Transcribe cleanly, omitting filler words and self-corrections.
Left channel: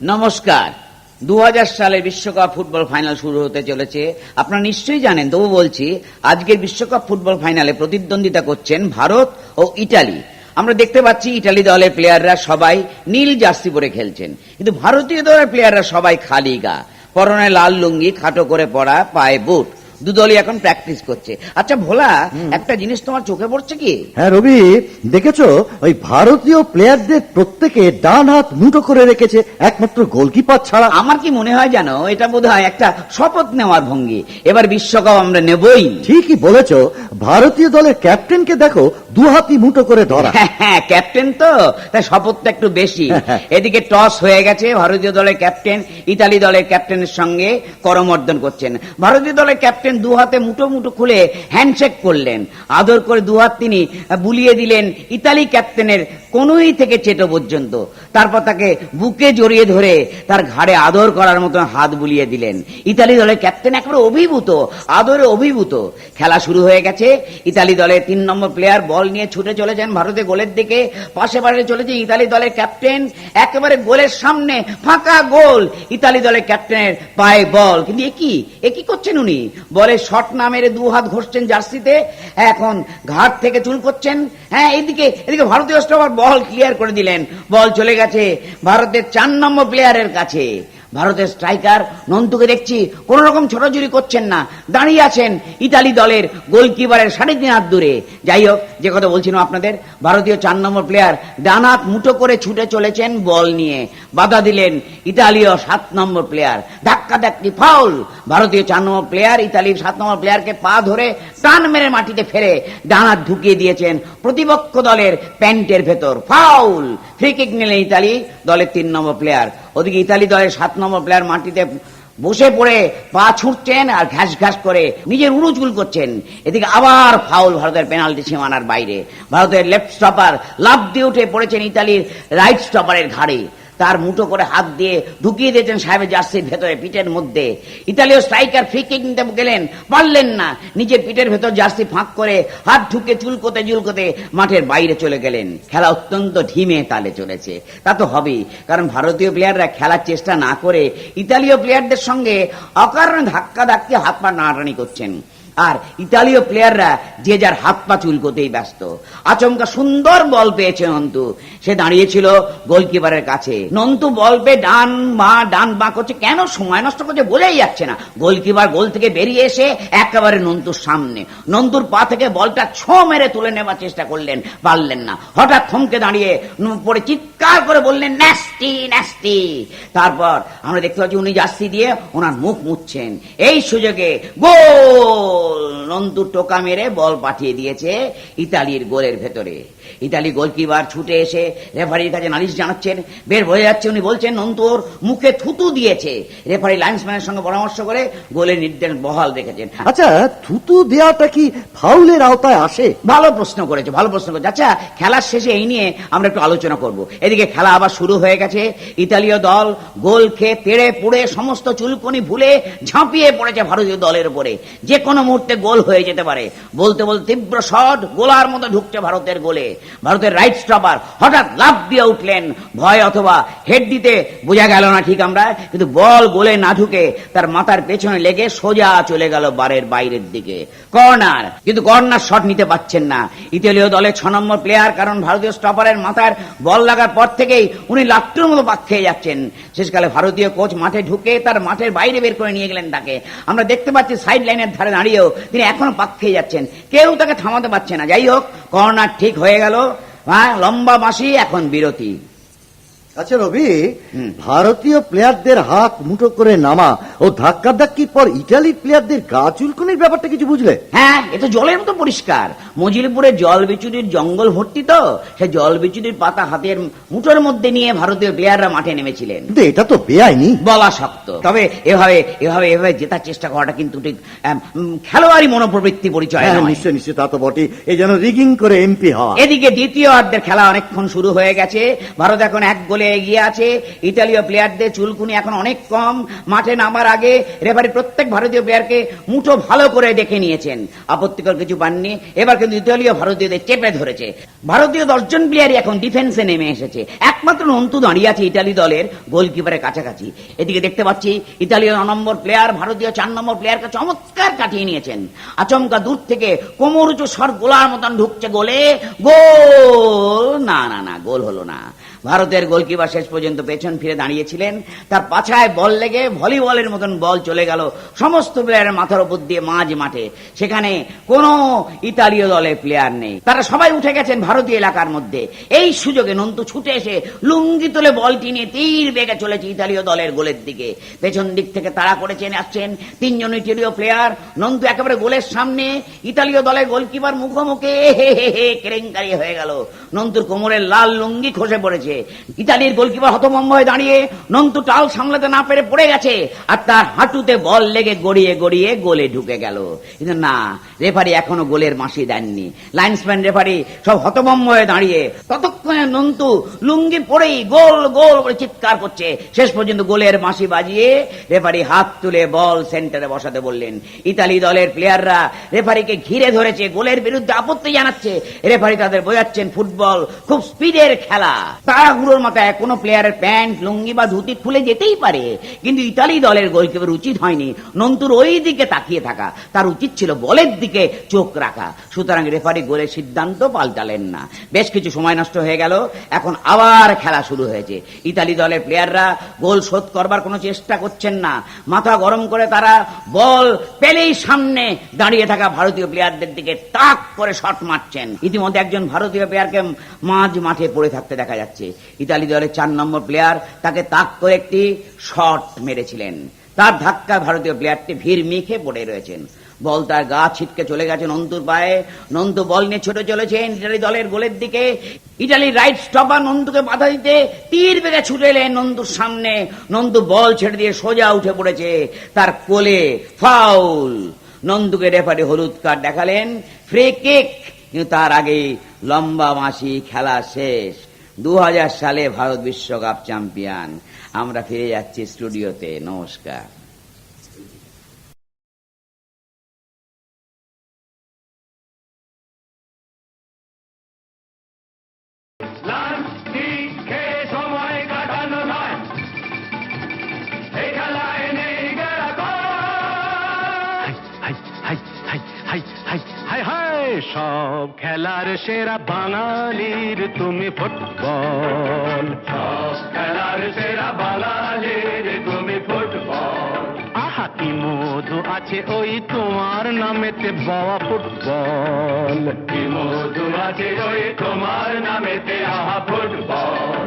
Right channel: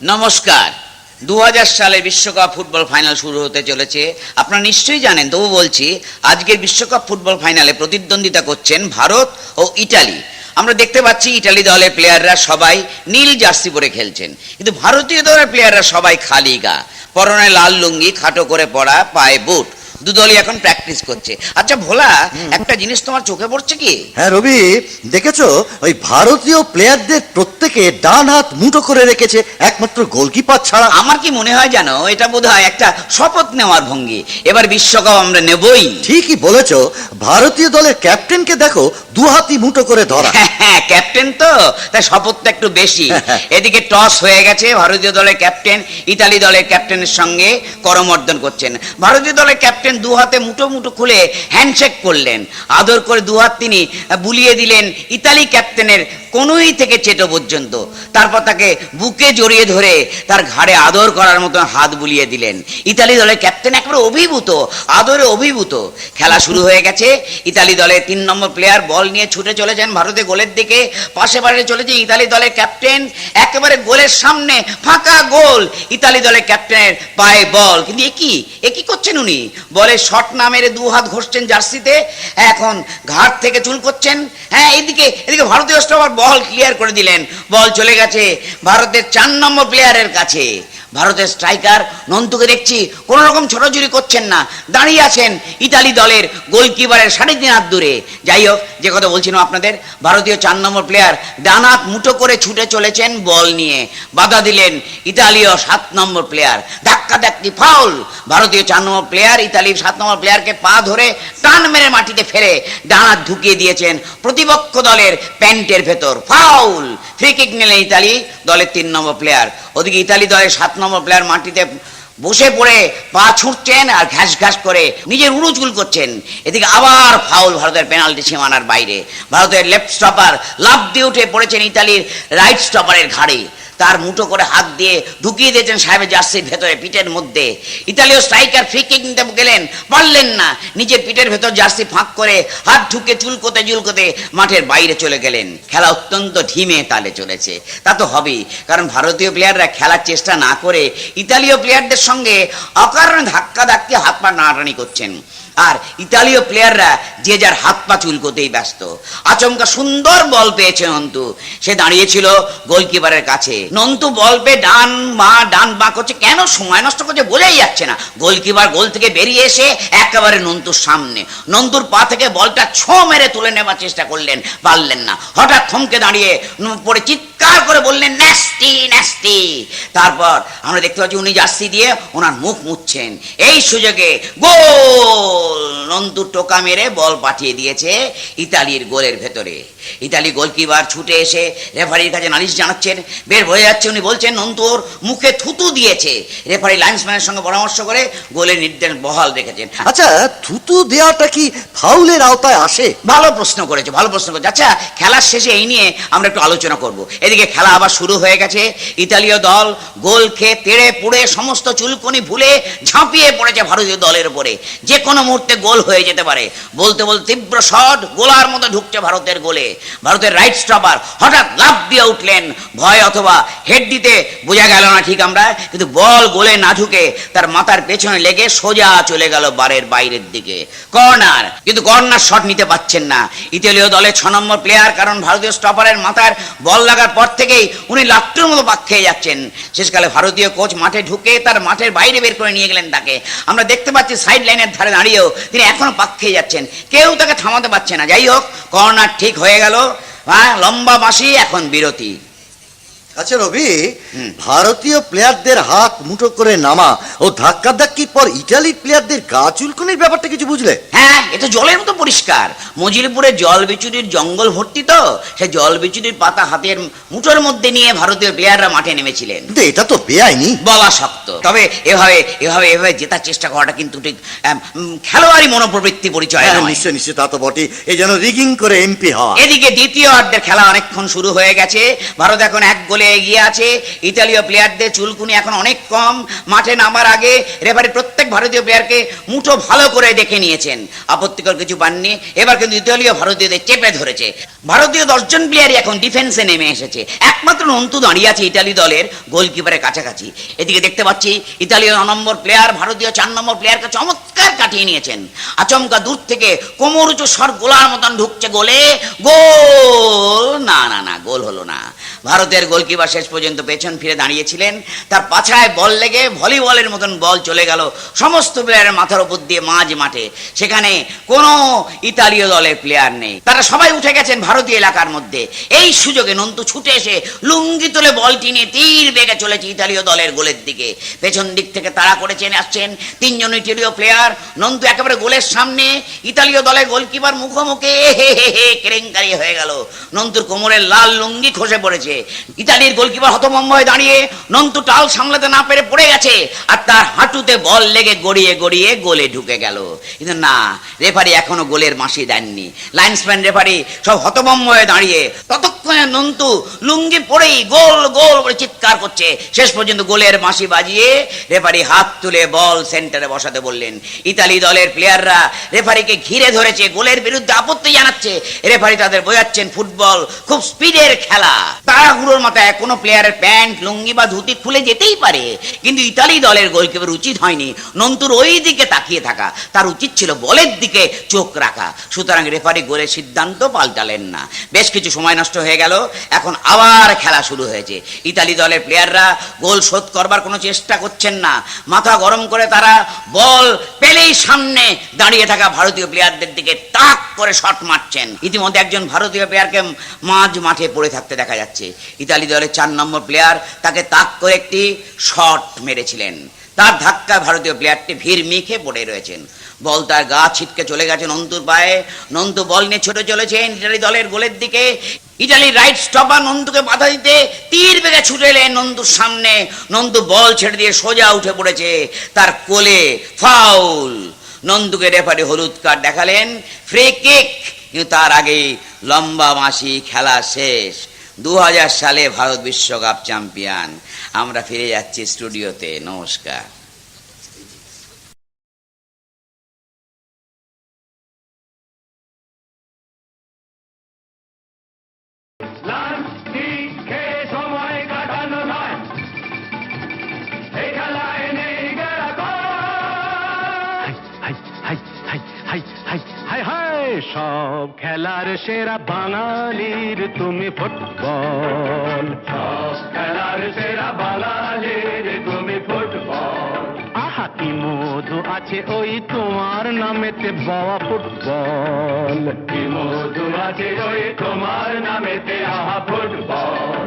নমস্কার। 2000 সালে বিশ্বকাপ ফুটবল ফাইনাল শুরু হতে চলেছে। আপনারা নিশ্চয়ই জানেন, তবু বলছি, আজকের বিশ্বকাপ ফুটবল ফাইনালে প্রতিদ্বন্দ্বিতা করছেন ভারত ও ইটালি। আমরা দেখতে পাচ্ছি ইটালি দলের প্লেয়াররা সবাই নীল জার্সি পরে খেলছেন, কিন্তু ভারতীয় দলের প্লেয়াররা সবাই খালি গা, পরনে লাল লুঙ্গি, খাটো করে পরা, পায়ে বুট। দুদলই এখন প্র্যাকটিস করছে। আচ্ছা ভোলা, একটা জিনিস তোমার চোখে পড়ছে কি? হ্যাঁ রবি, দেখেছো ওই ভারতীয় প্লেয়ারদের প্রত্যেকে ডান হাত মুঠো করে রেখেছে, একমাত্র গোলকিপার ছাড়া। আমার কি মনে হয় জানো, এটা বোধহয় একটা শপথ নেওয়ার ভঙ্গি, এবার বিশ্বকাপ আমরা নেবই। ঠিকই বলেছো, ভারতীয় দলের ক্যাপ্টেনকে দেখো দু হাতই মুঠো করে ধরা। হ্যাঁ, ক্যাপ্টেন তো, তাই শপথটা একটু বেশি। এদিকে টস হয়ে গেছে, ভারতীয় দলের ক্যাপ্টেন ইতালি দলের ক্যাপ্টেনের সঙ্গে করমর্দন করছেন। ভারতীয় দলের ক্যাপ্টেন দু হাতে মুঠো মুঠো খুলে হ্যান্ডশেক করলেন, আদর করে দু হাত তিনি বুলিয়ে দিলেন ইতালি ক্যাপ্টেনের কোনোই থেকে চেটো পর্যন্ত। তারপর তাকে বুকে জড়িয়ে ধরে তার ঘাড়ে আদর করার মতো হাত বুলিয়ে দিলেন। ইতালি দলের ক্যাপ্টেন একেবারে অভিভূত, আদরে অভিভূত। খেলা শুরু হয়ে গেছে। ইতালি দলের 3 নম্বর প্লেয়ার বল নিয়ে ছুটে চলেছেন ভারতের গোলের দিকে, পাশে চলেছেন ইতালি দলের ক্যাপ্টেন। একেবারে গোলের সামনে ফাঁকা গোল, ইতালি দলের ক্যাপ্টেনের পায়ে বল, কিন্তু একই করছেন উনি। বলে শট না মেরে 2 হাত ঘষছেন জার্সিতে, এখন ঘাট থেকে চুল করছেন। হ্যাঁ, এদিকে ভারতীয় স্টপার বল ক্লিয়ার করে দিলেন, বল চলে গেছে ভারতের 4 নম্বর প্লেয়ারের কাছে। ভারতের স্ট্রাইকার নন্তুকে দেখছি কোন রকম ছোটাছুটি করছেন না, দাঁড়িয়ে আছেন ইতালি দলের গোলকিপারের 3.5 হাত দূরে। যাই হোক, যে কথা বলছিলাম আপনাদের, ভারতীয় 4 নম্বর প্লেয়ার ডান হাত মুঠো করে ছুটে চলেছেন বল নিয়ে, বাধা দিলেন ইতালীয় 7 নম্বর প্লেয়ার। ধাক্কাধাক্কি, ফাউল। ভারতীয় 4 নম্বর প্লেয়ার ইতালির 7 নম্বর প্লেয়ারকে পা ধরে টান মেরে মাটিতে ফেলে ডান হাত ঢুকিয়ে দিয়েছেন প্রতিপক্ষ দলের প্যান্টের ভেতর। ফাউল। ফ্রি কিক নিলেন ইতালি দলের 3 নম্বর প্লেয়ার। ওদিকে ইতালি দলের 7 নম্বর প্লেয়ার মাটিতে বসে পড়ে পা ছুটছেন আর ঘাস ঘাস করে নিজের উড়ু চুল করছেন। এদিকে আবার ফাউল, ভারতের পেনাল্টি সীমানার বাইরে। ভারতের লেফট স্টপার লাফ দিয়ে উঠে পড়েছেন ইতালির রাইট স্টপারের ঘাড়ে, তার মুঠো করে হাত দিয়ে ঢুকিয়ে দিয়েছেন সাহেবের জার্সির ভেতরে, পিঠের মধ্যে। ইতালীয় স্ট্রাইকার ফ্রি কিক নিতে গেলেন, পারলেন না, নিজের পিঠের ভেতর জার্সি ফাঁক করে হাত ঢুকে চুলকোতে মাঠের বাইরে চলে গেলেন। খেলা অত্যন্ত ধিমে তালে চলেছে। তা তো হবেই, কারণ ভারতীয় প্লেয়াররা খেলার চেষ্টা না করে ইতালীয় প্লেয়ারদের সঙ্গে অকারণে ধাক্কাধাক্কি, হাত পা টানাটানি করছেন। আর ইতালীয় প্লেয়াররা যে যার হাত পা চুলকোতেই ব্যস্ত। আচমকা সুন্দর বল পেয়েছে নন্তু, সে দাঁড়িয়েছিল গোলকিপারের কাছে। নন্তু বল পেয়ে ডান বাঁ করছে, কেন সময় নষ্ট করছে বোঝাই যাচ্ছে না। গোলকিপার গোল থেকে বেরিয়ে এসে একেবারে নন্তুর সামনে, নন্তুর পা থেকে বলটা ছো মেরে তুলে নেবার চেষ্টা করলেন, পারলেন না। হঠাৎ থমকে দাঁড়িয়ে পরে চিৎকার করে বললেন, ন্যাস্টি ন্যাস্টি। তারপর আমরা দেখতে পাচ্ছি উনি জার্সি দিয়ে ওনার মুখ মুছছেন। এই সুযোগে গোল। নন্তু টোকা মেরে বল পাঠিয়ে দিয়েছে ইতালির গোলের ভেতরে। ইতালি গোলকিপার ছুটে এসে রেফারির কাছে নালিশ জানাচ্ছেন। বের হয়ে যাচ্ছে, উনি বলছেন নন্তুর মুখে থুতু দিয়েছে। রেফারি লাইন্সম্যানের সঙ্গে পরামর্শ করে গোলের নির্দেশ বহাল রেখেছেন। আচ্ছা, থুতু দেওয়াটা কি ফাউলের আওতায় আসে? ভালো প্রশ্ন করেছে। আচ্ছা, খেলার শেষে এই নিয়ে আমরা একটু আলোচনা করব। এদিকে খেলা আবার শুরু হয়ে গেছে। ইতালীয় দল গোল খেয়ে তেড়ে পুড়ে সমস্ত চুলকুনি ভুলে ঝাঁপিয়ে পড়েছে ভারতীয় দলের উপরে। যে কোনো মুহূর্তে গোল হয়ে যেতে পারে। বলতে বলতে তীব্র শট গোলার মতো ঢুকছে ভারতের গোলে। ভারতের রাইট স্টপার হঠাৎ লাফ দিয়ে উঠলেন, ভয় অথবা হেড দিতে বোঝা গেল না ঠিক আমরা, কিন্তু বল গোলে না ঢুকে তার মাথার পেছনে লেগে সোজা চলে গেল বারের বাইরের দিকে। কর্নার, কিন্তু কর্নার শট নিতে পারছেন না ইতালীয় দলের 6 নম্বর প্লেয়ার, কারণ ভারতীয় স্টপারের মাথার বল লাগার পর থেকেই উনি লাট্টুর মতো পাক খেয়ে যাচ্ছেন। শেষকালে ভারতীয় কোচ মাঠে ঢুকে তার মাঠের বাইরে বের করে নিয়ে গেলেন তাকে। আমরা দেখতে পাচ্ছি সাইড লাইনের ধারে দাঁড়িয়েও তিনি এখনো পাক খেয়ে যাচ্ছেন, কেউ তাকে থামাতে পারছে না। যাই হোক, কর্নার ঠিক হয়ে গেল। হ্যাঁ, লম্বা বাঁশি, এখন বিরতি। আচ্ছা রবি, ভারতীয় প্লেয়ারদের হাত মুঠো করে নামা ও ধাক্কাধাক্কির পর ইটালির প্লেয়ারদের গা চুলকুনির ব্যাপারটা কিছু বুঝলে? হ্যাঁ, এটা জলের মতো পরিষ্কার। মজিলপুরে জল বিচুরির জঙ্গল ভর্তি, তো সে জল বিচুরির পাতা হাতের মুঠোর মধ্যে নিয়ে ভারতীয় প্লেয়াররা মাঠে নেমেছিলেন। কিন্তু এটা তো বেআইনি। বলা শক্ত, তবে এভাবে জেতার চেষ্টা করাটা কিন্তু ঠিক খেলোয়াড়ি মনোপ্রবৃত্তি পরিচয়। নিশ্চয় তা তো বটে, এই যেন রিগিং করে এমপি হওয়া। এদিকে দ্বিতীয় অর্ধের খেলা অনেকক্ষণ শুরু হয়ে গেছে। ভারত এখন 1 গোলে লেভেলে এগিয়ে আছে। ইতালীয় প্লেয়ারদের চুলকুনি এখন অনেক কম। মাঠে নামার আগে রেফারি প্রত্যেক ভারতীয় প্লেয়ারকে মুঠো ভালো করে দেখে নিয়েছেন, আপত্তিকর কিছু পাননি। এবার কিন্তু ইতালীয় ভারতীয়দের চেপে ধরেছে। ভারতীয় 10 জন প্লেয়ারই এখন ডিফেন্সে নেমে এসেছে। একমাত্র নন্তু দাঁড়িয়ে আছে ইতালি দলের গোলকিপারের কাছাকাছি। এদিকে দেখতে পাচ্ছি ইতালীয় 9 নম্বর প্লেয়ার ভারতীয় 4 নম্বর প্লেয়ারকে চমৎকার কাটিয়ে নিয়েছেন। আচমকা দূর থেকে কোমর উঁচু শট গোলার মতন ঢুকছে গোলে, গোল! না না না, গোল হলো না। ভারতের গোলকিপার শেষ পর্যন্ত পেছন ফিরে দাঁড়িয়েছিলেন, তার পাছায় বল লেগে ভলিবলের মতন বল চলে গেল সমস্ত প্লেয়ারের মাথার উপর দিয়ে মাঝ মাঠে। সেখানে কোনো ইতালীয় দলের প্লেয়ার নেই, তারা সবাই উঠে গেছেন ভারতীয় এলাকার মধ্যে। এই সুযোগে নন্তু ছুটে এসে লুঙ্গি তুলে বলটি নিয়ে তীর বেগে চলেছে ইতালীয় দলের গোলের দিকে। পেছন দিক থেকে তাড়া করেছেন আসছেন 3 জন ইতালীয় প্লেয়ার। নন্তু একেবারে গোলের সামনে, ইতালীয় দলের গোলকিপার মুখোমুখি কেলেঙ্কারি হয়ে গেল। নন্তুর কোমরের লাল লুঙ্গি খসে পড়েছে। ইতালির গোলকিপার হতভম্ব হয়ে দাঁড়িয়ে, নন্তু টাল সামলাতে না পেরে পড়ে গেছে, আর তার হাঁটুতে বল লেগে গড়িয়ে গড়িয়ে গোলে ঢুকে গেল। কিন্তু না, রেফারি এখনো গোলের মাসি দেননি। লাইন্সম্যান রেফারি সব হতভম্ব হয়ে দাঁড়িয়ে। ততক্ষণে নন্তু লুঙ্গি পরেই গোল গোল করে চিৎকার করছে। শেষ পর্যন্ত গোলের মাসি বাজিয়ে রেফারি হাত তুলে বল সেন্টারে বসাতে বললেন। ইতালি দলের প্লেয়াররা রেফারিকে ঘিরে ধরেছে, গোলের বিরুদ্ধে আপত্তি জানাচ্ছে। রেফারি তাদের বোঝাচ্ছেন ফুটবল খুব স্পিডের খেলা, তাড়াহুড়োর মাথায় কোনো প্লেয়ারের প্যান্ট লুঙ্গি বা ধুতি খুলে যেতেই পারে। কিন্তু ইতালি দলের গোলকিপার উচিত হয়নি নন্তুর ওই দিকে তাকিয়ে থাকা, তার উচিত ছিল বলের দিকে চোখ রাখা। সুতরাং রেফারি গোলের সিদ্ধান্ত পাল্টালেন না। বেশ কিছু সময় নষ্ট হয়ে গেল। এখন আবার খেলা শুরু হয়েছে। ইতালি দলের প্লেয়াররা গোল শোধ করবার কোনো চেষ্টা করছেন না। মাথা গরম করে তারা বল পেলেই সামনে দাঁড়িয়ে থাকা ভারতীয় প্লেয়ারদের দিকে তাক করে শট মারছেন। ইতিমধ্যে একজন ভারতীয় প্লেয়ারকে মাঝ মাঠে পড়ে থাকতে দেখা যাচ্ছে। ইতালি দলের 4 নম্বর প্লেয়ার তাকে তাক করে একটি শট মেরেছিলেন। তার ধাক্কা ভারতীয় প্লেয়ারটি ভিড় মিখে পড়ে রয়েছেন। বল তার গা ছিটকে চলে গেছে নন্তুর পায়ে। নন্তু বল নিয়ে ছুটে চলেছেন ইতালি দলের গোলের দিকে। ইতালির রাইট স্টপার নন্তুকে বাধা দিতে তীর বেগে ছুটে এলেন নন্তুর সামনে। নন্তু বল ছেড়ে দিয়ে সোজা উঠে পড়েছে, তার কোলে ফাউল। নন্তুকে রেফারি হলুদ কার্ড দেখালেন, ফ্রি কিক। কিন্তু তার আগে লম্বা মাসি, খেলা শেষ। 2000 সালে ভারত বিশ্বকাপ চ্যাম্পিয়ন। আমরা ফিরে যাচ্ছি স্টুডিওতে। নমস্কার। সময় কাটানো নয়, এই খেলায় নেই সব খেলার সেরা বাঙালির তুমি ফুটবল। সব খেলার সেরা বাঙালির তুমি ফুটবল। আহা কি মধু আছে ওই তোমার নামেতে বাবা ফুটবল। কি মধু আছে ওই তোমার নামেতে আহা ফুটবল।